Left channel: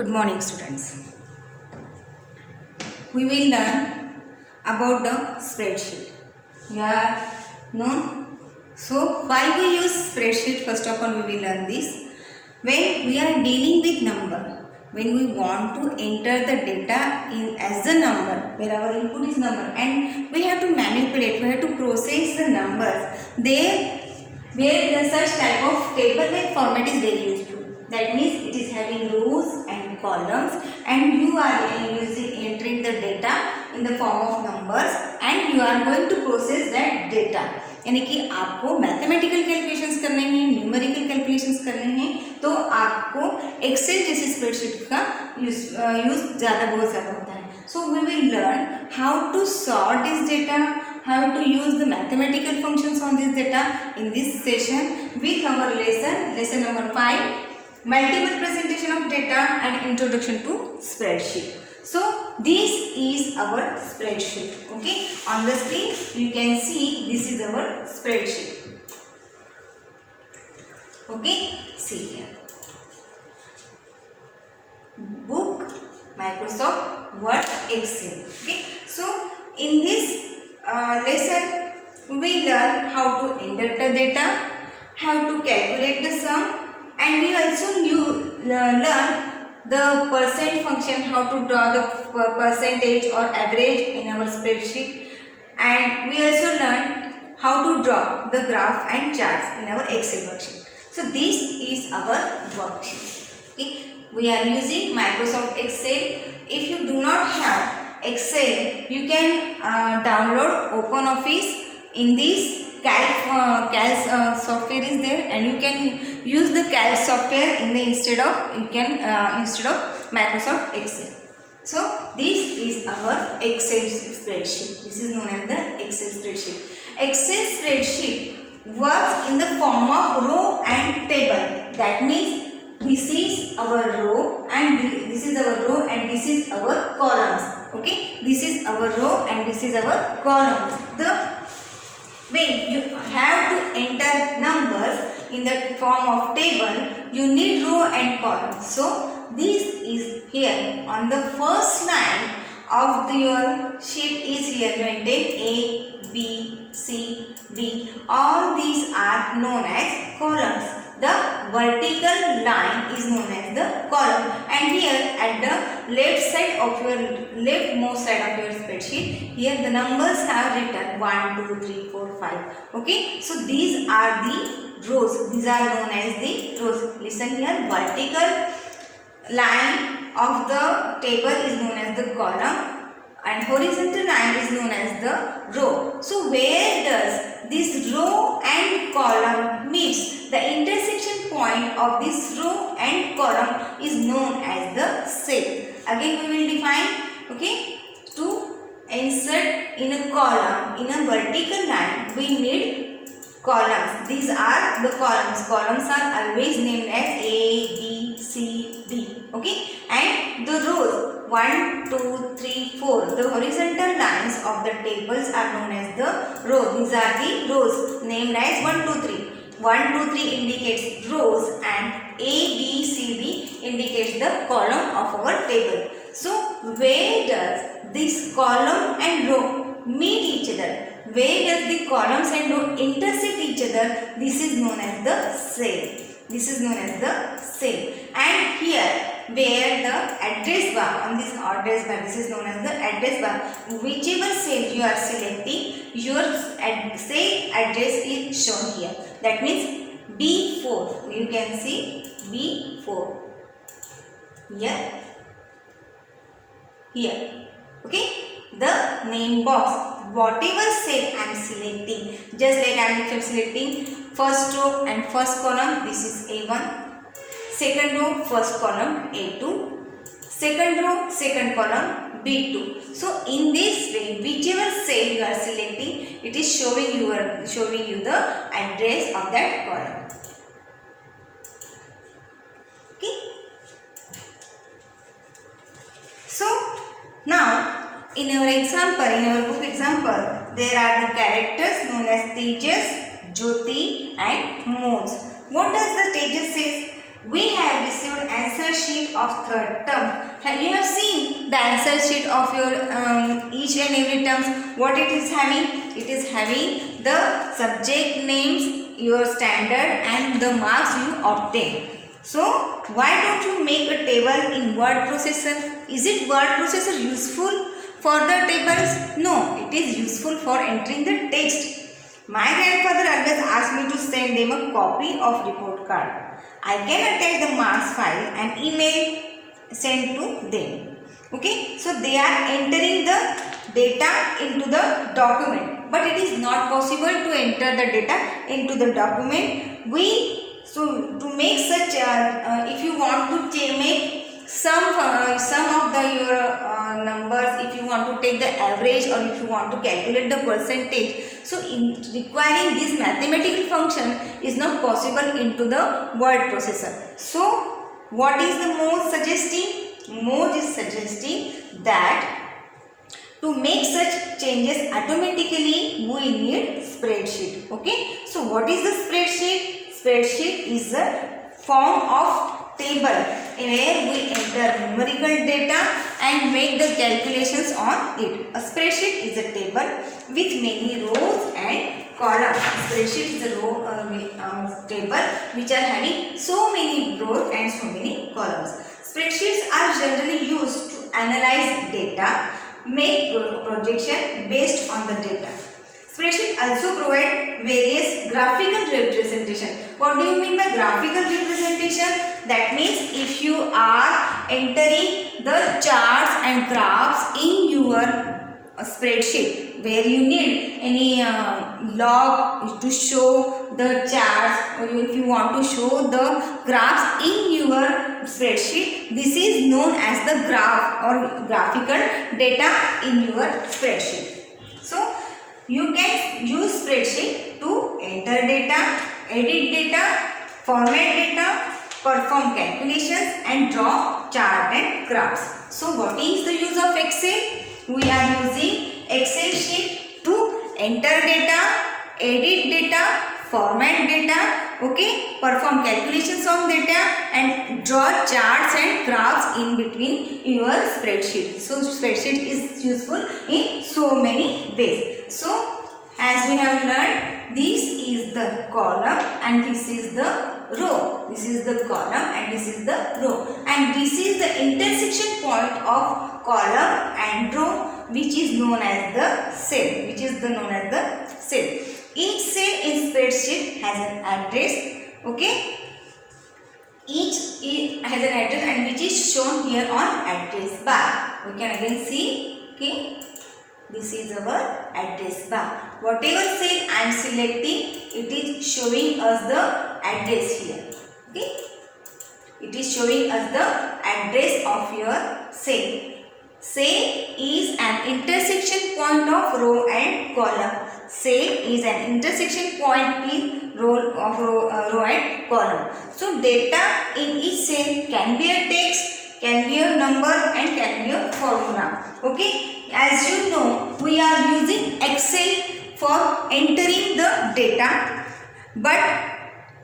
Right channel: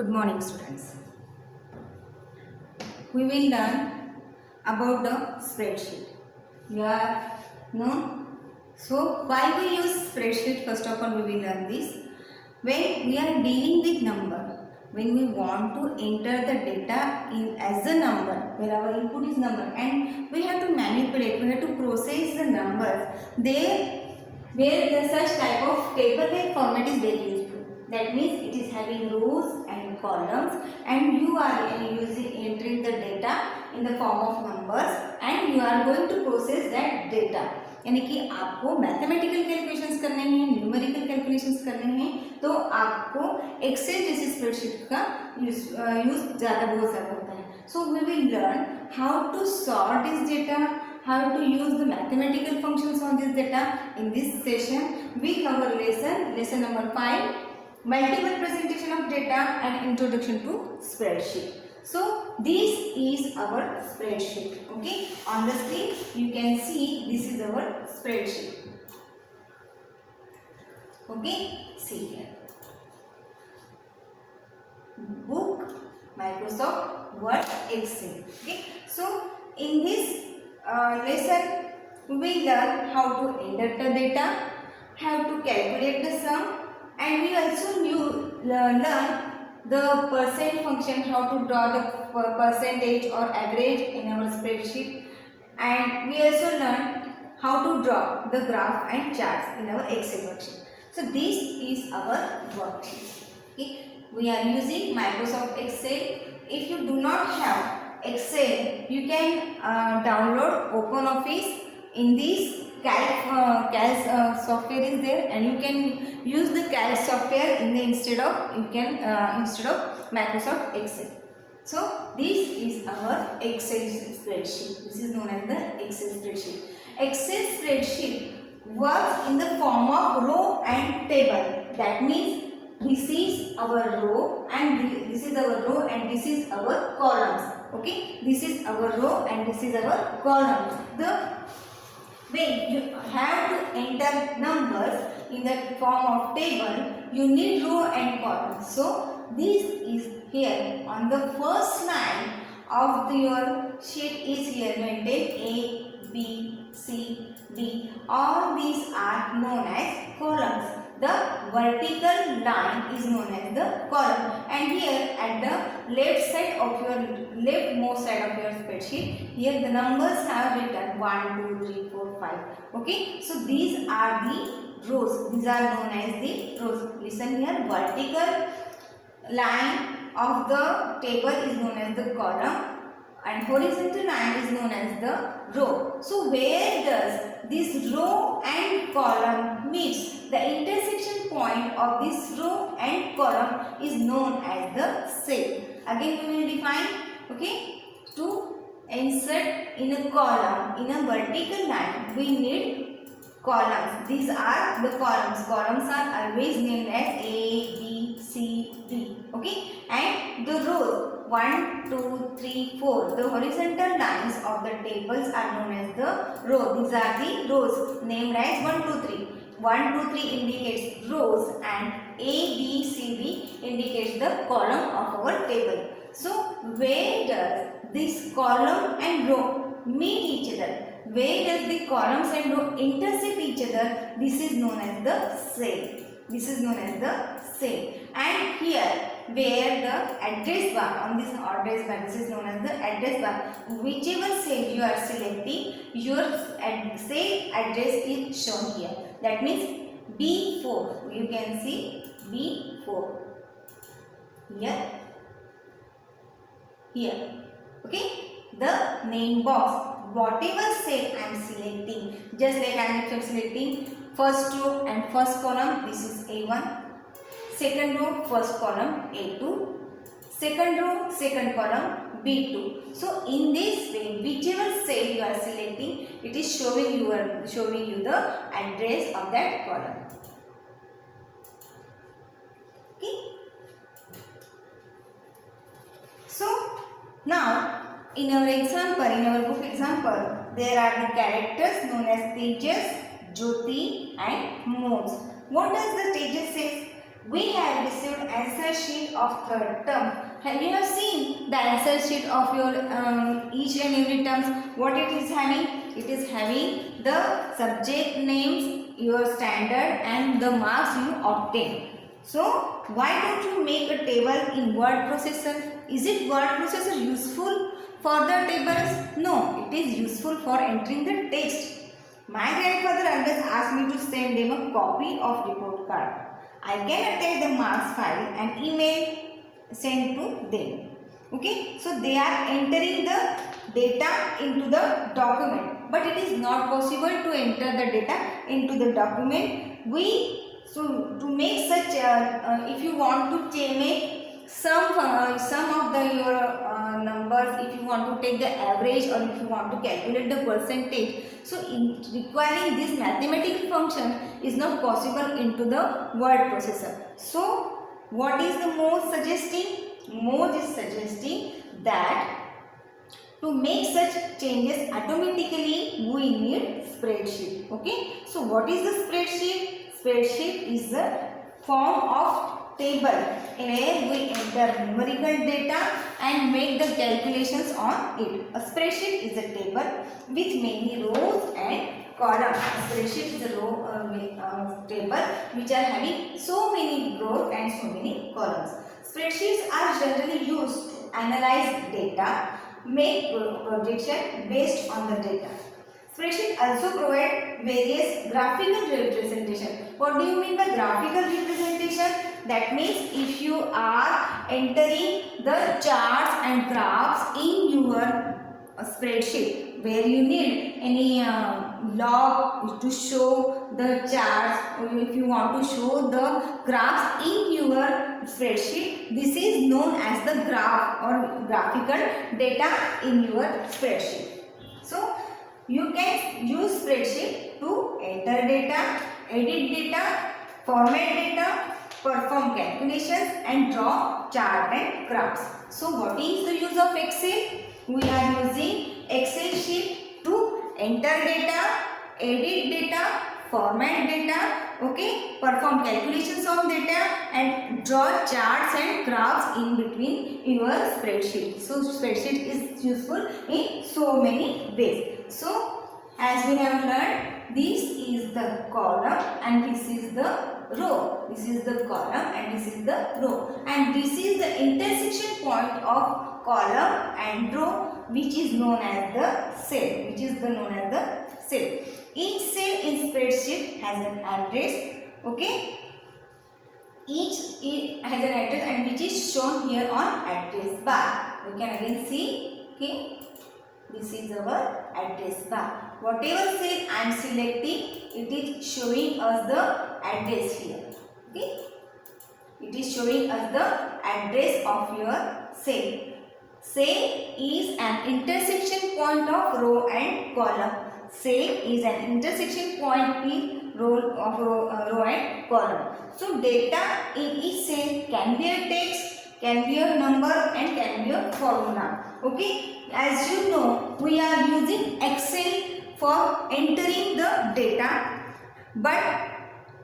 Good morning, students. We will learn about the spreadsheet. You are known. So, why we use spreadsheet? First of all, we will learn this. When we are dealing with number, when we want to enter the data in as a number, where our input is number, and we have to manipulate, we have to process the numbers. There, where the such type of table-like format is very useful. That means it is having rows and columns, and you are entering the data in the form of numbers, and you are going to process that data. यानी कि आपको mathematical calculations करने हैं, numerical calculations करने हैं, तो आपको Excel जैसी स्प्रेडशीट का यूज बहुत ज़्यादा होता है. So we will learn how to sort this data, how to use the mathematical functions on this data in this session with our lesson number 5, multiple presentation of data and introduction to spreadsheet. So this is our spreadsheet. Okay, on the screen you can see this is our spreadsheet. Okay, see here, book, Microsoft Word, Excel. Okay, so in this lesson we learn how to enter the data, how to calculate the sum, and we also learn the percent function, how to draw the percentage or average in our spreadsheet, and we also learn how to draw the graph and charts in our Excel worksheet. So this is our worksheet. Okay, we are using Microsoft Excel. If you do not have Excel, you can download OpenOffice. In this Calc software is there, and you can use the Calc software instead of Microsoft Excel. So this is our Excel spreadsheet. This is known as the Excel spreadsheet. Excel spreadsheet works in the form of row and table. That means this is our row and this is our row and this is our columns. Okay, this is our row and this is our column. When you have to enter numbers in the form of table, you need row and column. So this is here on the first line of your sheet is here maintained A, B, C, D. All these are known as columns. The vertical line is known as the column, and here at the leftmost side of your spreadsheet, here the numbers have written 1, 2, 3, 4, 5. Okay, so these are the rows. These are known as the rows. Listen here, vertical line of the table is known as the column, and horizontal line is known as the row. So where does this row and column meets? The intersection point of this row and column is known as the cell. Again we will define. Okay, to insert in a column in a vertical line we need columns. These are the columns. Columns are always named as A, B, C, D. Okay, and the rows 1, 2, 3, 4. The horizontal lines of the tables are known as the row. These are the rows named as 1, 2, 3. 1, 2, 3 indicates rows and A, B, C, D indicates the column of our table. So where does this column and row meet each other? Where does the columns and row intersect each other? This is known as the cell. This is known as the cell. And here where the address bar, on this address bar, this is known as the address bar. Whichever cell you are selecting, your cell address is shown here. That means B4. You can see B4 here. Okay, the name box, whatever cell I am selecting, just like I am selecting first row and first column, this is A1. Second row, first column A2, second row, second column B2. So in this way, whichever cell you are selecting, it is showing you the address of that column. Okay. So now in our example, in our book example, there are the characters known as Tejas, Jyoti and Moj. What does the Tejas say? We have received answer sheet of third term. You have seen the answer sheet of your each and every terms. What it is having? It is having the subject names, your standard, and the marks you obtain. So why don't you make a table in word processor? Is it word processor useful for the tables? No, it is useful for entering the text. My grandfather always asked me to send them a copy of report card. I can attach the marks file and email sent to them. Okay, so they are entering the data into the document, but it is not possible to enter the data into the document. So to make such, if you want to make some of the your numbers, if you want to take the average or if you want to calculate the percentage, so in requiring this mathematical function is not possible into the word processor. So what is the Moz suggesting? Moz is suggesting that to make such changes automatically we need spreadsheet. Okay, so what is the spreadsheet? Spreadsheet is a form of table where we enter numerical data and make the calculations on it. A spreadsheet is a table with many rows and columns. Spreadsheet is a table which are having so many rows and so many columns. Spreadsheets are generally used to analyze data, make projection based on the data. Spreadsheet also provide various graphical representation. What do you mean by graphical representation? That means if you are entering the charts and graphs in your spreadsheet where you need any log to show the charts, or if you want to show the graphs in your spreadsheet, this is known as the graph or graphical data in your spreadsheet. So you can use spreadsheet to enter data, edit data, format data, perform calculations and draw chart and graphs. So what is the use of Excel? We are using Excel sheet to enter data, edit data, format data, okay, perform calculations on data and draw charts and graphs in between your spreadsheet. So spreadsheet is useful in so many ways. So as we have learned, this is the column and this is the row. This is the column and this is the row, and this is the intersection point of column and row, which is known as the cell. Each cell in spreadsheet has an address. Okay, each has an address and which is shown here on address bar. We can again see. Okay, this is our address bar. Whatever cell I am selecting, it is showing us the address here. Okay, it is showing us the address of your cell. Cell is an intersection point of row and column. Cell is an intersection point in row and column. So data in each cell can be a text, can be a number and can be a formula. Okay, as you know, we are using Excel for entering the data, but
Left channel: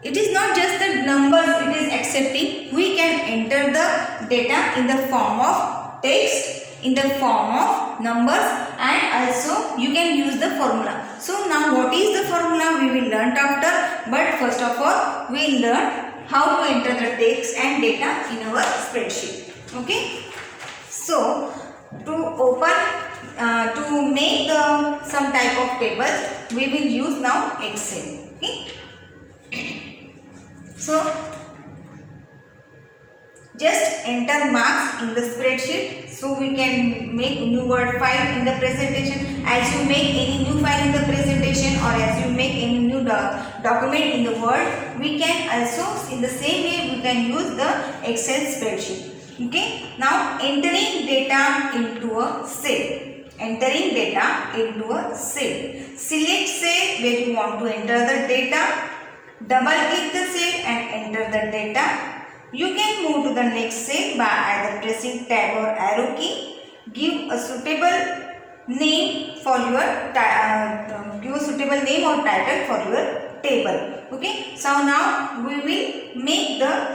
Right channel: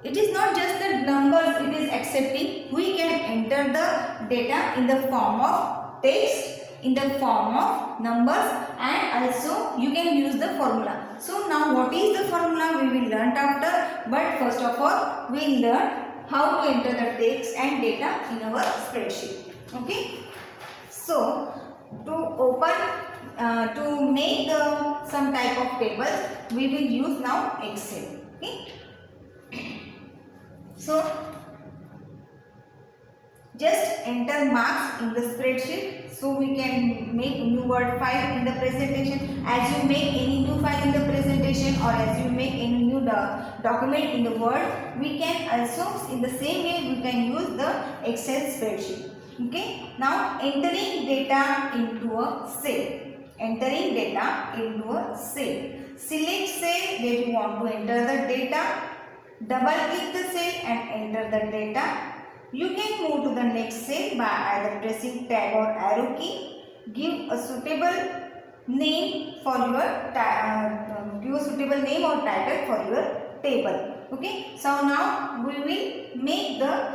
it is not just the numbers it is accepting. We can enter the data in the form of text, in the form of numbers, and also you can use the formula. So now what is the formula we will learn after, but first of all we will learn how to enter the text and data in our spreadsheet. Okay, so to open to make some type of tables, we will use now Excel. Okay, so just enter marks in the spreadsheet, so we can make new word file in the presentation. As you make any new file in the presentation or as you make any new document in the Word, we can also in the same way we can use the Excel spreadsheet. Okay, now entering data into a cell. Entering data into a cell. Select cell where you want to enter the data. Double click the cell and enter the data. You can move to the next cell by either pressing tab or arrow key. Give a suitable name for your or title for your table. Okay, so now we will make the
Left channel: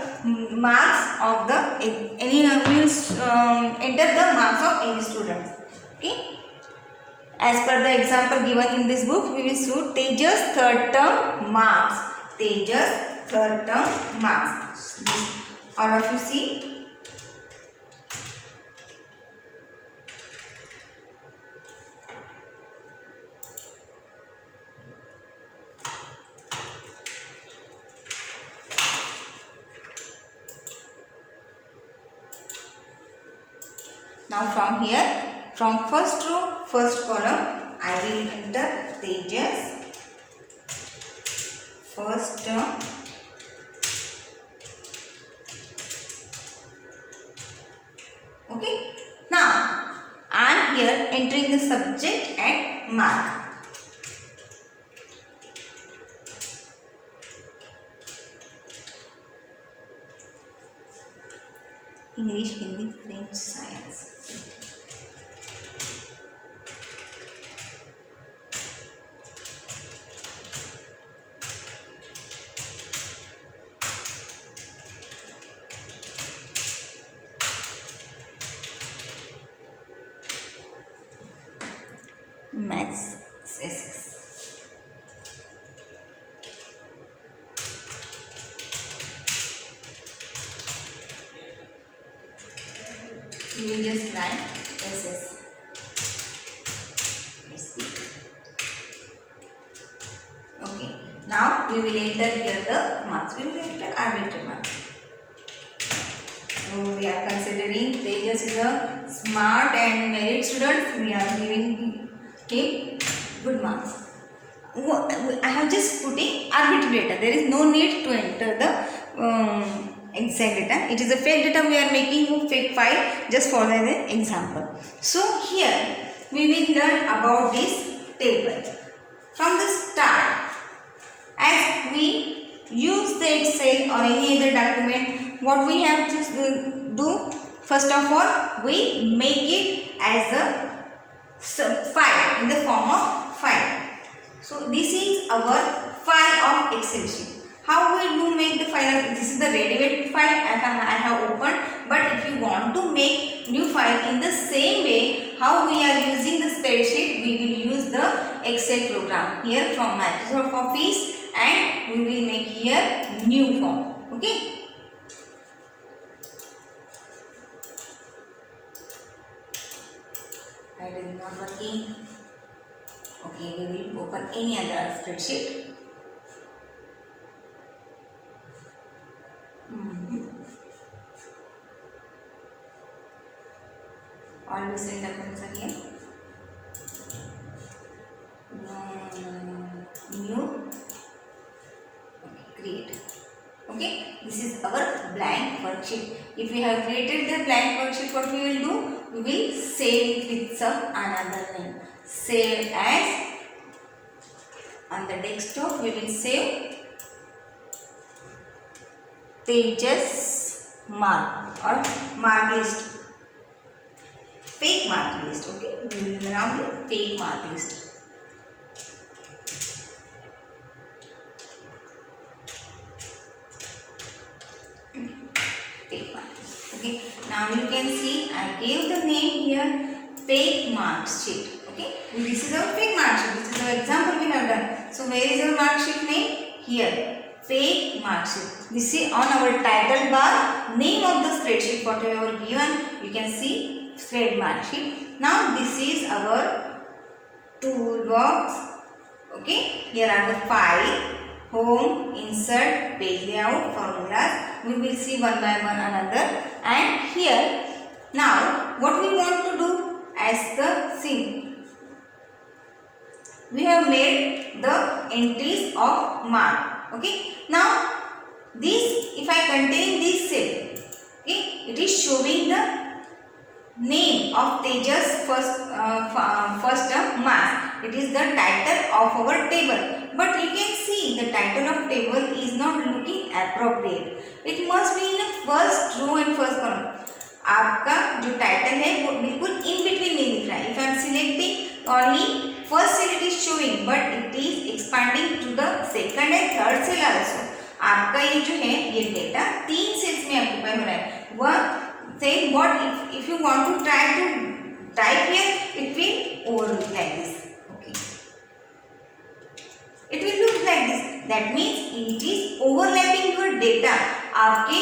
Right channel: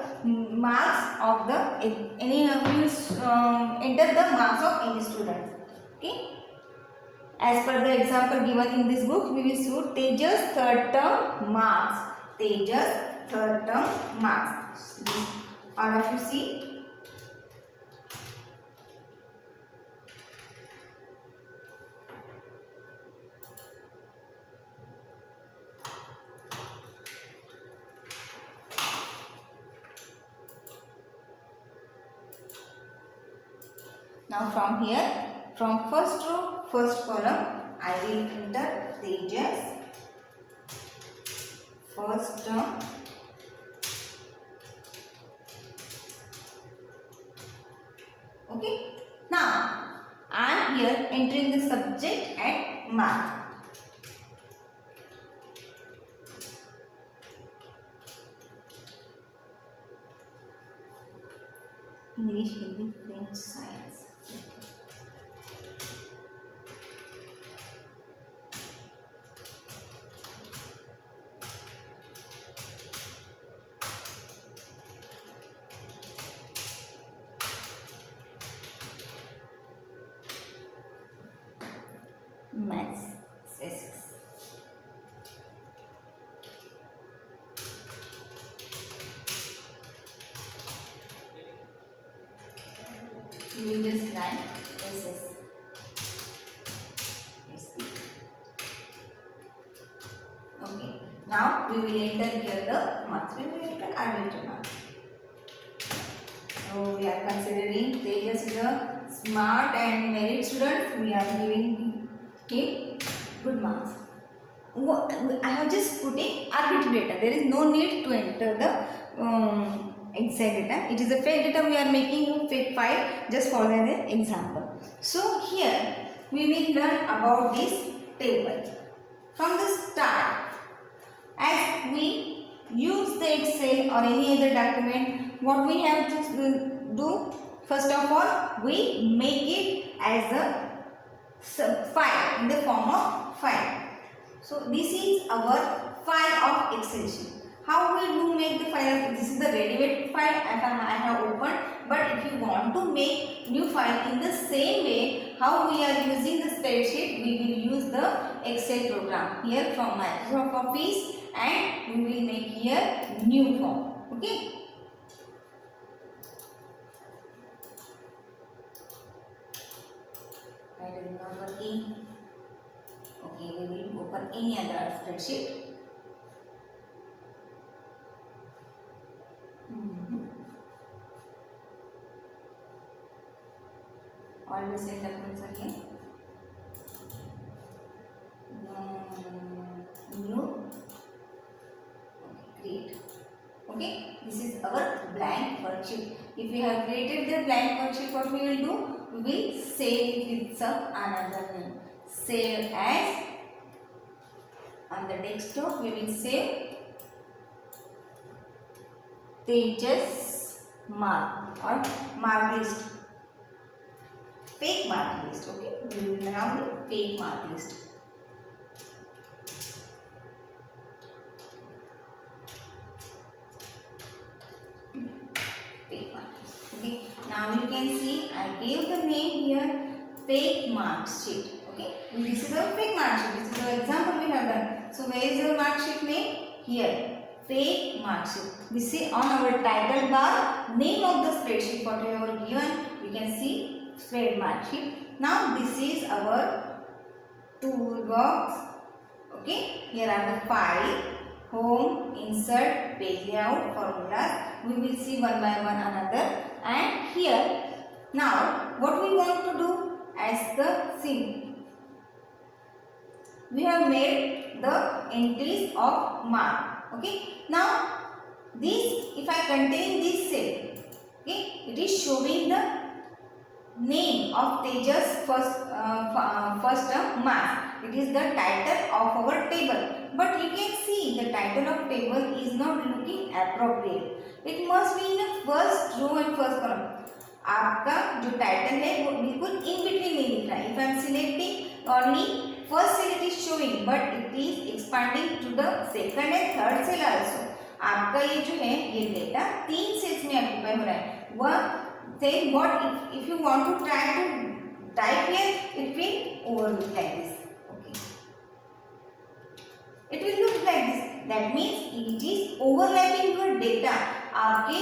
marks of the any will enter the marks of any students. Okay, as per the example given in this book, we will show Tejas third term marks. Tejas third term marks. All of you see. Now from here, from first row, first column, I will enter Tejas first term. Okay. Now I am here entering the subject at mark. English, Hindi, French, Science. Maths, SS. You will just write SS. Okay. Now we will enter here the marks. We will enter arbitrary marks. So we are considering Tejas is a smart and merit student. We are giving him good marks. I have just put in arbitrary data. There is no need to enter the exact data. It is a fake data. We are making fake file just for an example. So here we will learn about this table from the start. As we use the Excel or any other document, what we have to do, first of all, we make it as a file in the form of file. So this is our file of Excel sheet. How we do make the file? This is the ready-made file I have opened. But if you want to make new file in the same way, how we are using the spreadsheet, we will use the Excel program here from Microsoft Office, and we will make here new form. Okay. That is not working. Okay, we will open any other spreadsheet. All the same documents are here. New. Okay, create. Okay, this is our blank worksheet. If we have created the blank worksheet, what we will do? We will save it with some another name. Save as. On the desktop, we will save Tejas mark or mark list. Fake mark list. Okay, we will now do fake mark list. Fake mark list. Okay, now you can see I gave the name here fake mark sheet. Okay, this is our fake mark sheet. This is the example we have done. So where is our mark sheet name? Here, fake mark sheet. This is on our title bar, name of the spreadsheet whatever given. You can see fake mark sheet. Now this is our toolbox. Okay, here are the file, home, insert, page layout, formulas. We will see one by one another. And here, now what we want to do as the scene. We have made the entries of mark. Okay. Now this, if I contain this cell, okay, it is showing the name of Tejas first term marks. It is the title of our table. But you can see the title of table is not looking appropriate. It must be in the first row and first column. आपका जो title है वो बिल्कुल in between नहीं दिख रहा है. If I am selecting only first cell, it is showing, but it is expanding to the second and third cell also. आपका ये जो है ये डेटा 3 सेल्स में ऑक्यूपाई हो रहा है. वह you want to try to type here, it will overlook like this. Okay, it will look like this. That means it is overlapping your data. आपके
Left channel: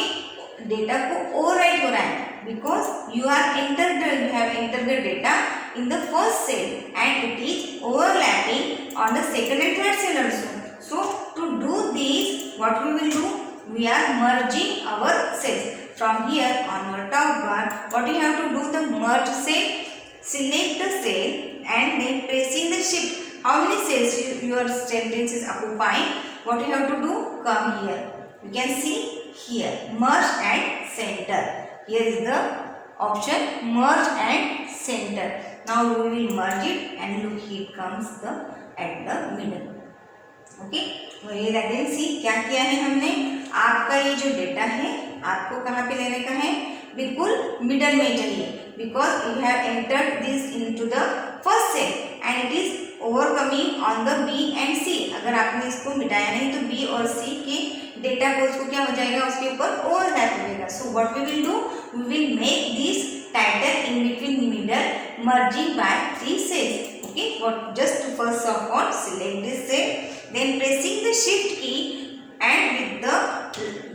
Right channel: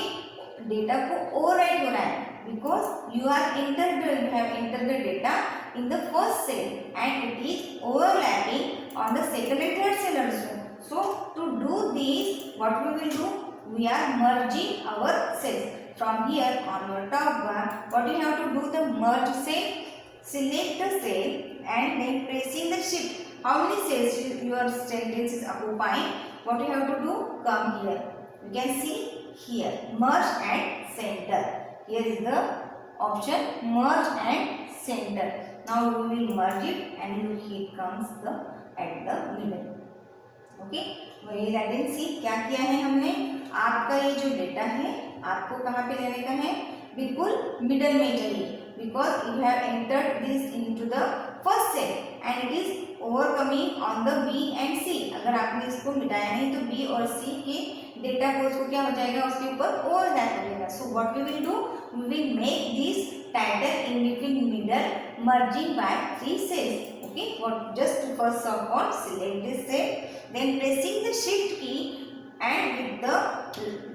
डेटा को ओवरराइट हो रहा है because you have entered the data in the first cell and it is overlapping on the second and third cell also. So to do this, what we will do, we are merging our cells. From here on your top bar, what you have to do, the merge cell, select the cell and then pressing the shift. How many cells your sentence is occupying? What you have to do, come here. You can see here, merge and center. Here is the option merge and center. Now we will merge it and look, here comes the at the middle. Okay, तो ये again see क्या किया है हमने, आपका ये जो data है आपको कहाँ पे लेने का है, बिल्कुल मिडल में चाहिए because you have entered this into the first cell and it is overcoming on the B and C. अगर आपने इसको मिटाया नहीं तो B और C के डेटा को उसको क्या हो जाएगा, उसके ऊपर ओवरलैप हो जाएगा. So what we will do, we will make this title in between middle merging by 3 cells. Okay, what just to first of all select this cell, then pressing the shift key and with the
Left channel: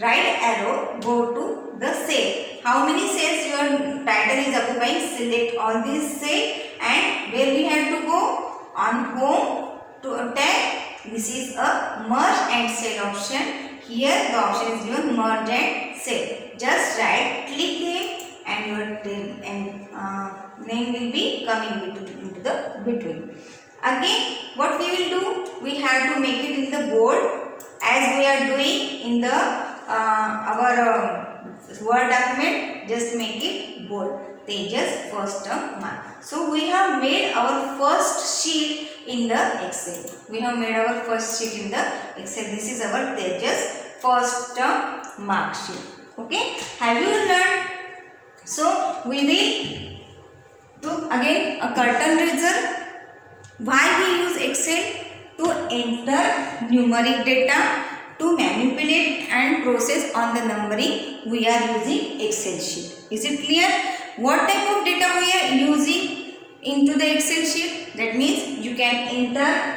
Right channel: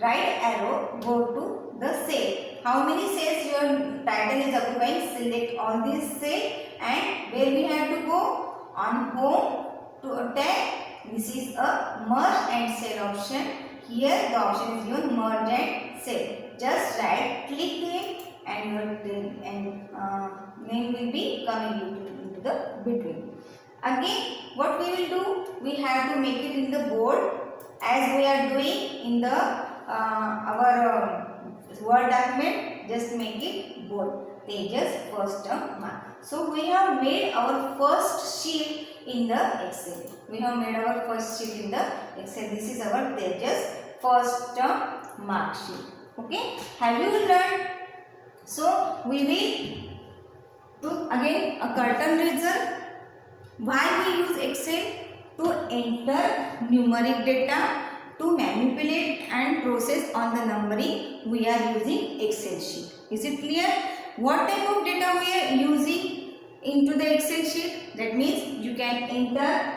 right arrow go to the cell. How many cells your title is occupying? Select all these cells and where we have to go, on home to tab. This is a merge and cell option. Here the option is given merge and cell. Just right click them and your name will be coming into the between. Again what we will do, we have to make it in the bold as we are doing in the our Word document. Just make it bold. Tejas first term mark. So we have made our first sheet in the Excel. We have made our first sheet in the Excel. This is our Tejas first term mark sheet. Okay, have you learned? So we will do again a curtain raiser. Why we use Excel? To enter numeric data, to manipulate and process on the numbering, we are using Excel sheet. Is it clear? What type of data we are using into the Excel sheet? That means you can enter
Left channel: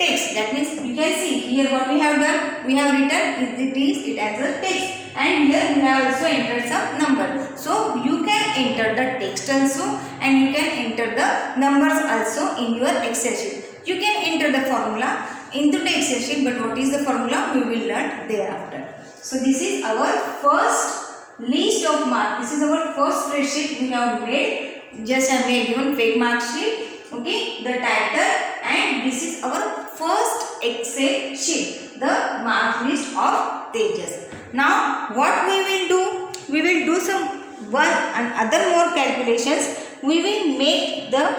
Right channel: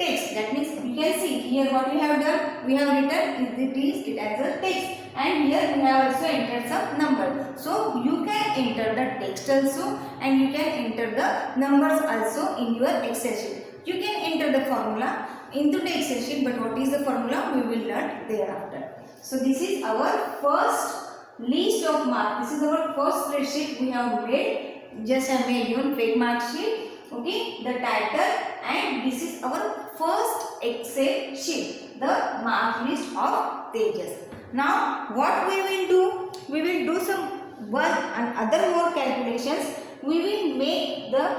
text. That means you can see here what we have done. We have written it as a text, and here we have also entered some number. So you can enter the text also and you can enter the numbers also in your Excel sheet. You can enter the formula into the Excel sheet, but what is the formula we will learn thereafter. So this is our first list of marks. This is our first spreadsheet we have made. Just I have given fake mark sheet. Okay, the title, and this is our first Excel sheet, the mark list of Tejas. Now what we will do? We will do some one and other more calculations. We will make the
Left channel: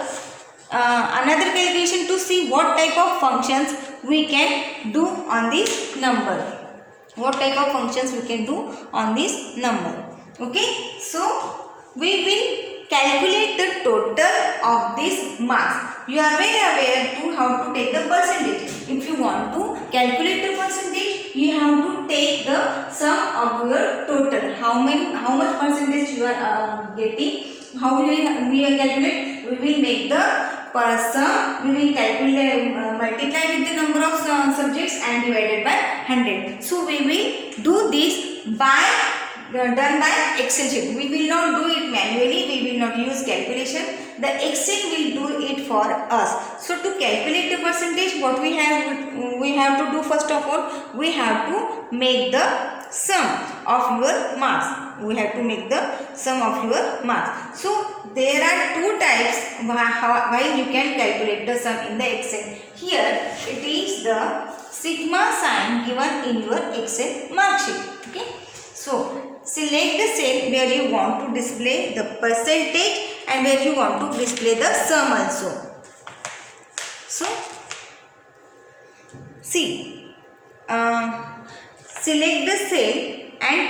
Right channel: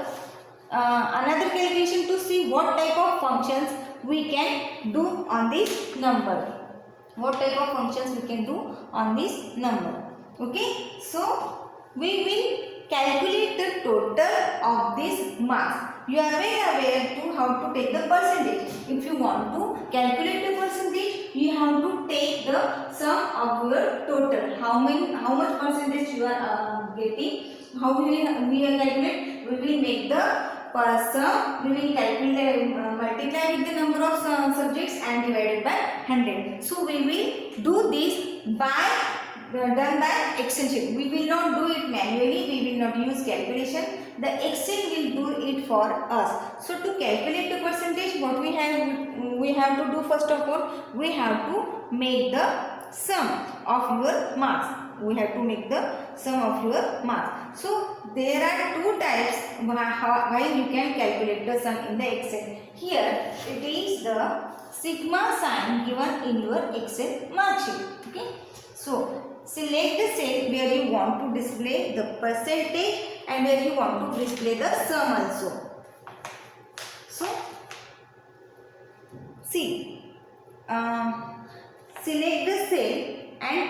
another calculation to see what type of functions we can do on this number. What type of functions we can do on this number. Okay, so we will calculate the total of these marks. You are very aware to how to take the percentage. If you want to calculate the percentage, you have to take the sum of your total. How much percentage you are getting? How we will calculate? We will make the sum. We will calculate multiply with the number of subjects and divided by 100. So we will do this by done by Excel sheet. We will not do it manually. We will not use calculation. The Excel will do it for us. So to calculate the percentage, what we have to do first of all, we have to make the sum of your marks. We have to make the sum of your marks. So there are two types why you can calculate the sum in the Excel. Here it is the sigma sign given in your Excel mark sheet. Okay. So select the cell where you want to display the percentage and where you want to display the sum also. So see, select the cell and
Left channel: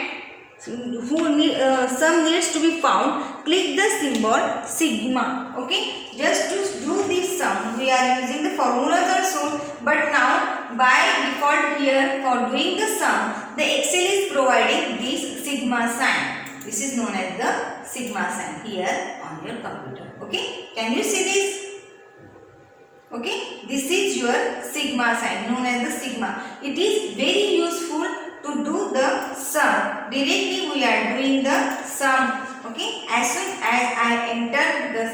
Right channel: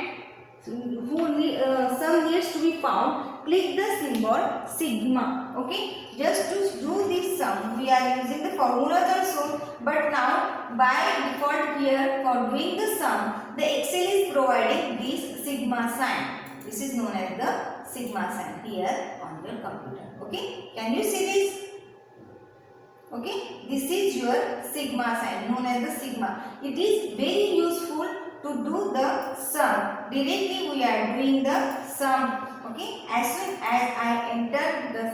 sum needs to be found. Click the symbol sigma. Okay, just to do this sum we are using the formulas also, but now by default here for doing the sum the Excel is providing this sigma sign. This is known as the sigma sign here on your computer. Okay, can you see this? Okay, this is your sigma sign known as the sigma. It is very useful to do the sum. Directly we are doing the sum. Okay, as soon as I enter the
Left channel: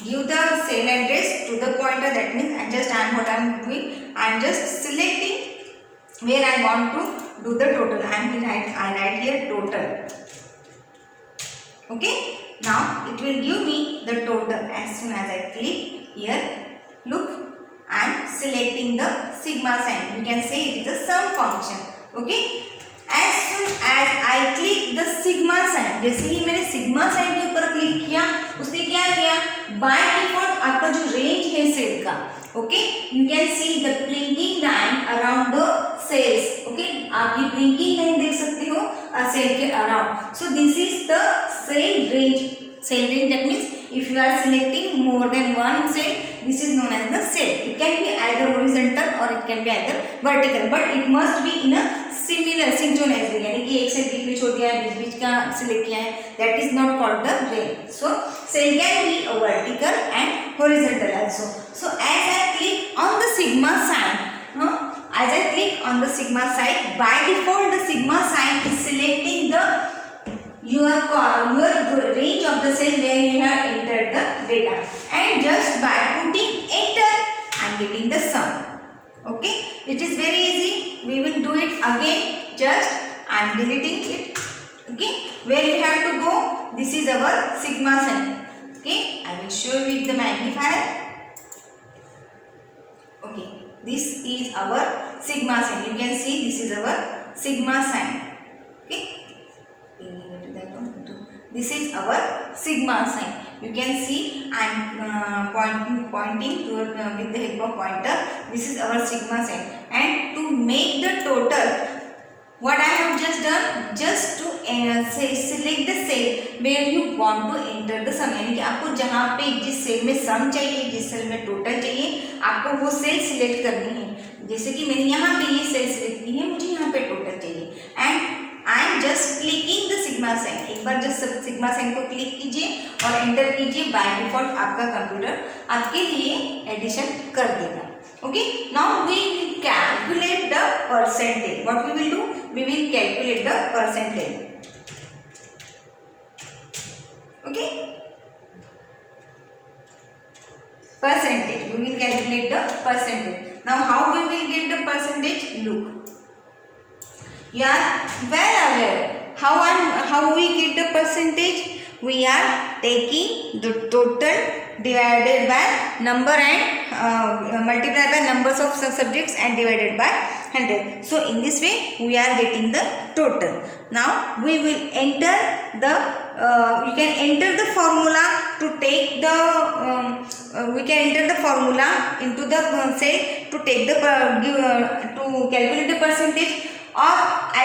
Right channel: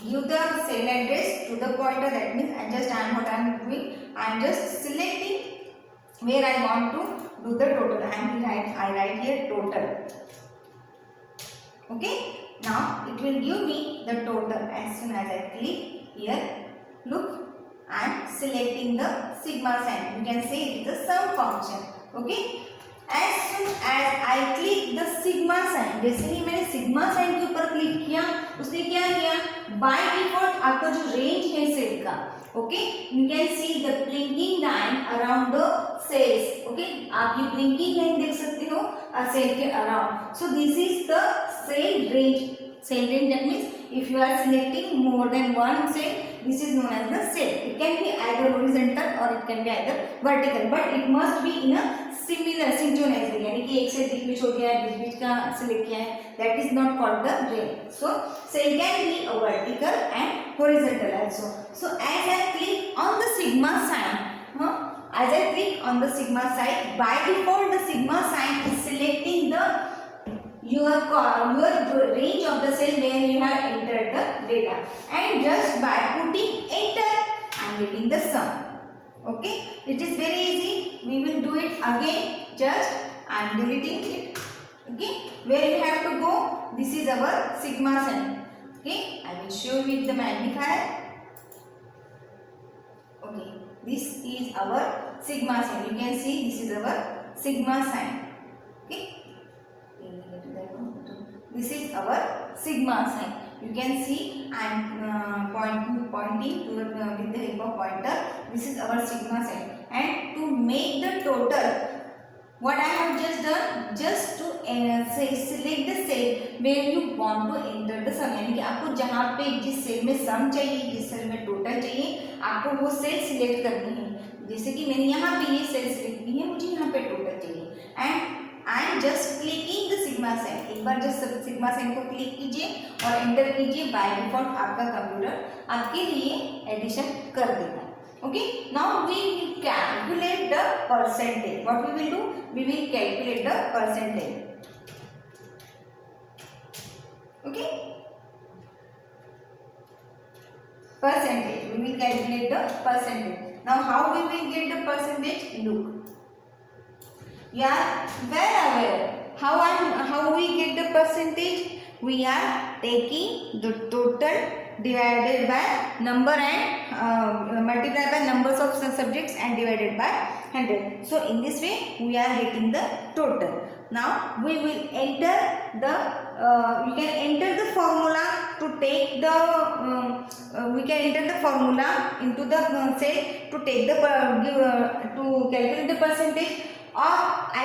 give the cell address to the pointer, that means what I am doing, I am just selecting where I want to do the total. I write here total. Okay, now it will give me the total as soon as I click here. Look, I am selecting the sigma sign. You can say it is a sum function. Okay, as soon as I click the sigma sign, जैसे ही मैंने sigma sign के ऊपर click किया, उसने क्या किया? By default आपका जो range है सेल का, okay, you can see the blinking line around the cells. Okay, आप ये blinking line देख सकते हो सेल के around. So this is the cell range. Cell range, that means if you are selecting more than one cell, this is known as the cell. It can be either horizontal or it can be either vertical, but it must be in a similar synchronized way. यानी कि एक से बीच में छोड़ दिया है, बीच का select किया है, that is not called the range. So cell can be a vertical and horizontal also. So as I click on the sigma sign, by default the sigma sign is selecting the your range of the cell where you have entered the data, and just by putting enter I am getting the sum. Okay, it is very easy. We will do it again. Just I am deleting it. Okay, where you have to go, this is our sigma sign. Okay, I will show you with the magnifier. Okay, this is our sigma sign. You can see this is our sigma sign. Okay, this is our sigma sign. You can see I am pointing to with the help of pointer. This is our sigma sign. And to make the total, what I have just done, just to select the cell where you want to enter the sum. यानी कि आपको जहाँ पे जिस cell में सम चाहिए, जिस cell में टोटल चाहिए, आपको वो सेल सिलेक्ट करनी है. जैसे कि मैंने यहाँ पे ये सेल सिलेक्ट की है, मुझे यहाँ पे टोटल चाहिए. And I am just clicking the sigma sign. एक बार जस्ट सिग्मा साइन को क्लिक कीजिए और एंटर कीजिए. बाय डिफॉल्ट आपका कंप्यूटर आपके लिए एडिशन कर देगा. Okay, now we will calculate the percentage. What we will do? We will calculate the percentage. Okay, percentage. We will calculate the percentage. Now, how we will get the percentage? Look, you are well aware how we get the percentage. We are taking the total divided by number and multiplied by numbers of subjects and divided by 100. So in this way we are getting the total. Now we will enter the you can enter the formula to take the we can enter the formula into the cell to take the to calculate the percentage, or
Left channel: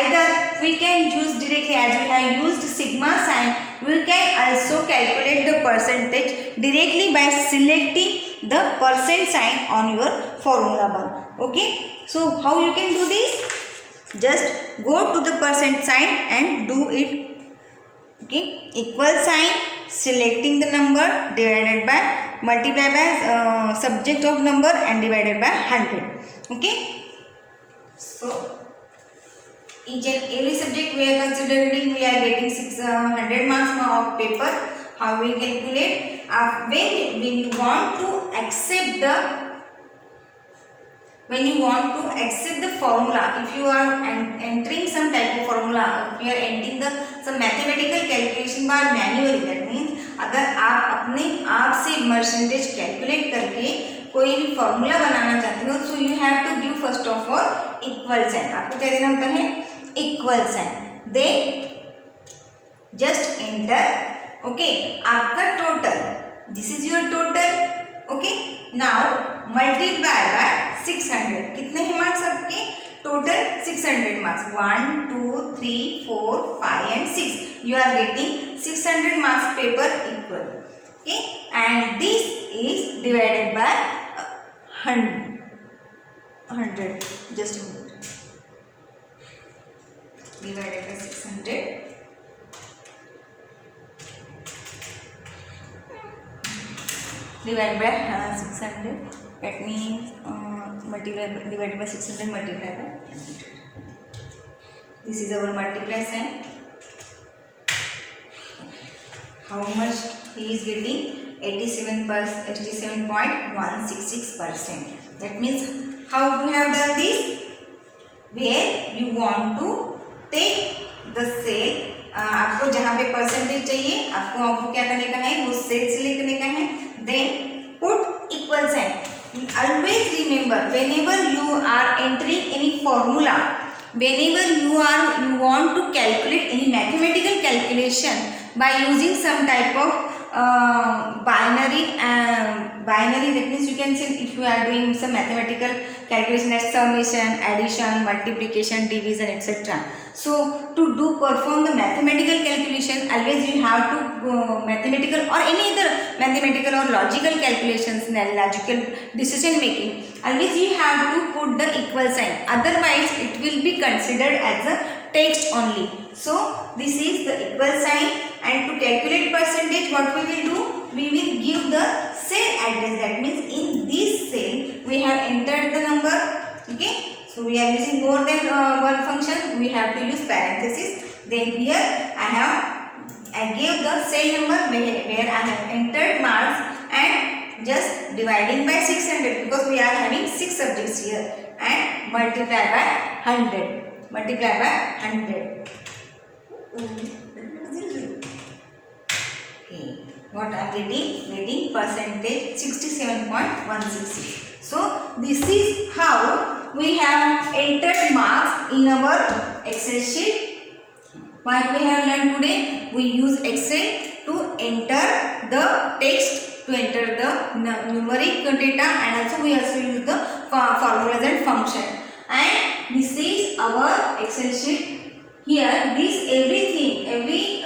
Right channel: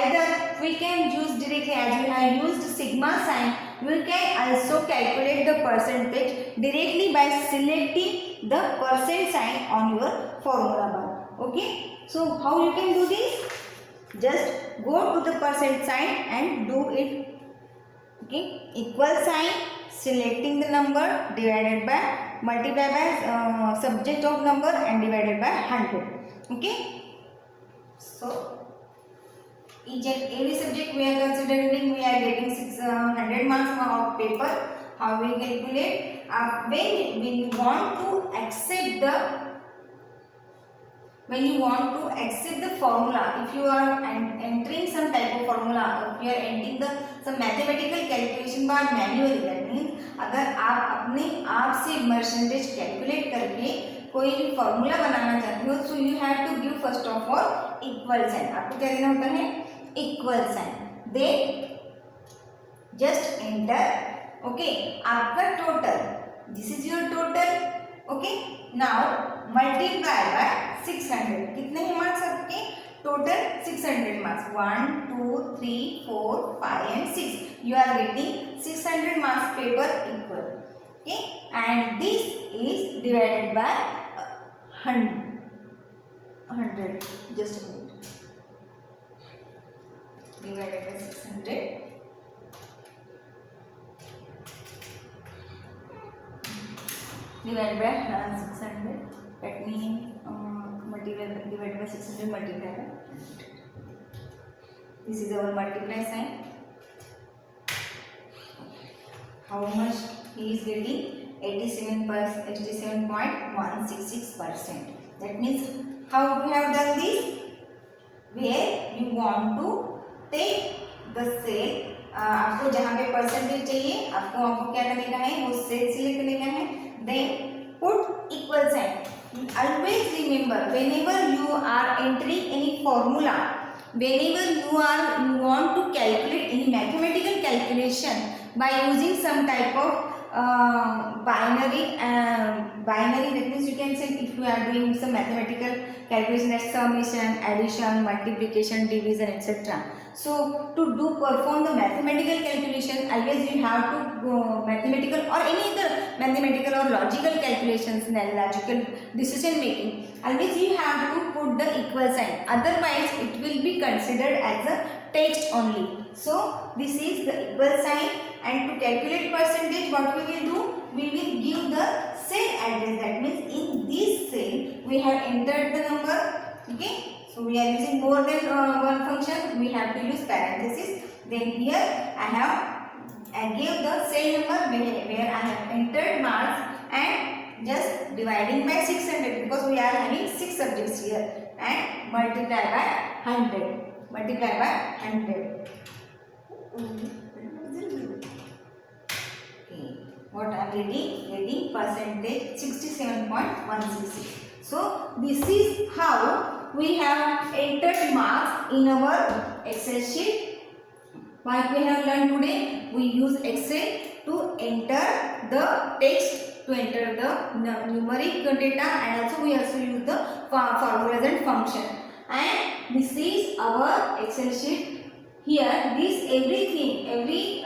either we can use directly, as we have used sigma sign, we can also calculate the percentage directly by selecting the percent sign on your formula bar. Okay, so how you can do this? Just go to the percent sign and do it. Okay, equal sign, selecting the number, divided by, multiply by subject of number and divided by 100. Okay, so each and every subject we are considering, we are getting 600 marks of paper. How we calculate? When you want to accept the formula, if you are entering some type of formula, if you are entering some mathematical calculation bar manually, that means अगर आप अपने आप से percentage calculate करके कोई भी formula बनाना चाहते हो, so you have to give first of all equal sign. आपको क्या देना होता है? Equal sign. Then just enter. Okay, आपका total, this is your total. Okay, now multiply by 600. कितने हैं मार्क्स आपके? Total 600 marks. 1, 2, 3, 4, 5 and 6. You are getting 600 marks paper equal. Okay, and this is divided by 100. Just a minute. Divided by 600. divided by 600. That means divided by 600 multiplied by 100. This is our multiply sign. How much he is getting? 87.166%. That means how we have done this? Where you want to take the cell, आपको जहाँ पे percentage चाहिए आपको क्या करने का है, वो सेल सिलेक्ट करने का है. Then put equal sign. Always remember, whenever you are entering any formula, whenever you want to calculate any mathematical calculation by using some type of binary, that means you can say if you are doing some mathematical calculation like summation, addition, multiplication, division, etc. So to perform the mathematical calculation, always you have to mathematical or any other mathematical or logical calculations, logical decision making, always you have to put the equal sign, otherwise it will be considered as a text only. So this is the equal sign, and to calculate percentage what we will do, we will give the cell address. That means in this cell we have entered the number. Okay, so we are using more than one function, we have to use parenthesis. Then here I gave the cell number where I have entered marks and just dividing by 600 because we are having 6 subjects here, and multiply by 100. Multiply by 100. Okay, what I am getting percentage 67.166. So this is how we have entered marks in our Excel sheet. What we have learned today, we use Excel to enter the text, to enter the numeric data, and also we also use the formulas and function. And this is our Excel sheet. Here this every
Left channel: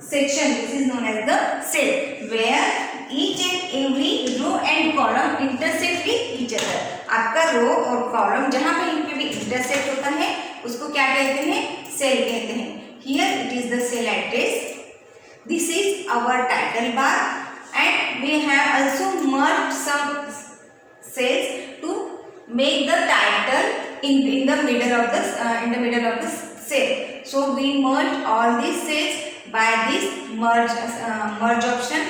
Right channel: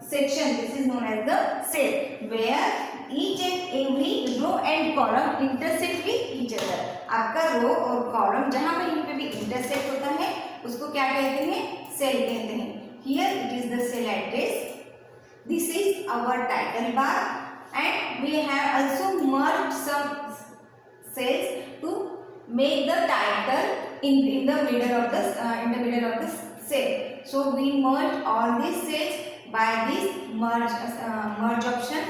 section, this is known as the cell, where each and every row and column intersect with each other. आपका रो और column जहाँ पे भी intersect होता है उसको क्या कहते हैं? सेल कहते हैं. Here it is the cell address. This is our title bar, and we have also merged some cells to make the title in the middle of the cell. So we merge all these cells by this merge option.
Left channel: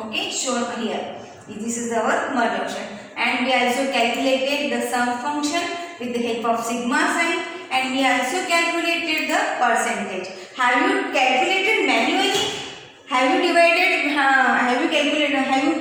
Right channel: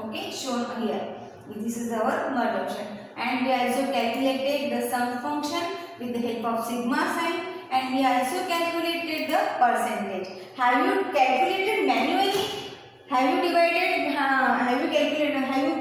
Okay, shown here. This is our merge option, and we also calculated the sum function with the help of sigma sign, and we also calculated the percentage. Have you calculated manually? Have you divided? Have you calculated? Have you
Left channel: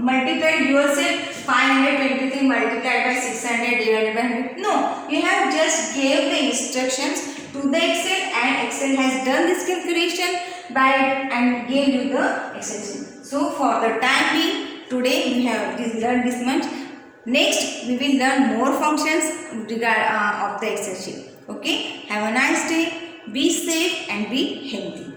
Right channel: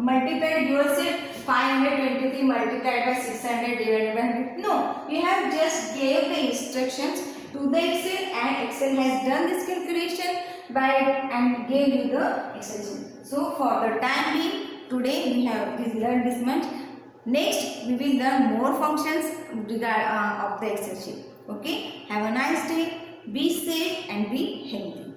multiplied yourself? 523 multiplied by 600 divided by 100? No, you have just gave the instructions to the Excel, and Excel has done this calculation and gave you the Excel sheet. So for the time being, today we have learned this much. Next we will learn more functions of the Excel sheet. Okay, have a nice day, be safe and be healthy.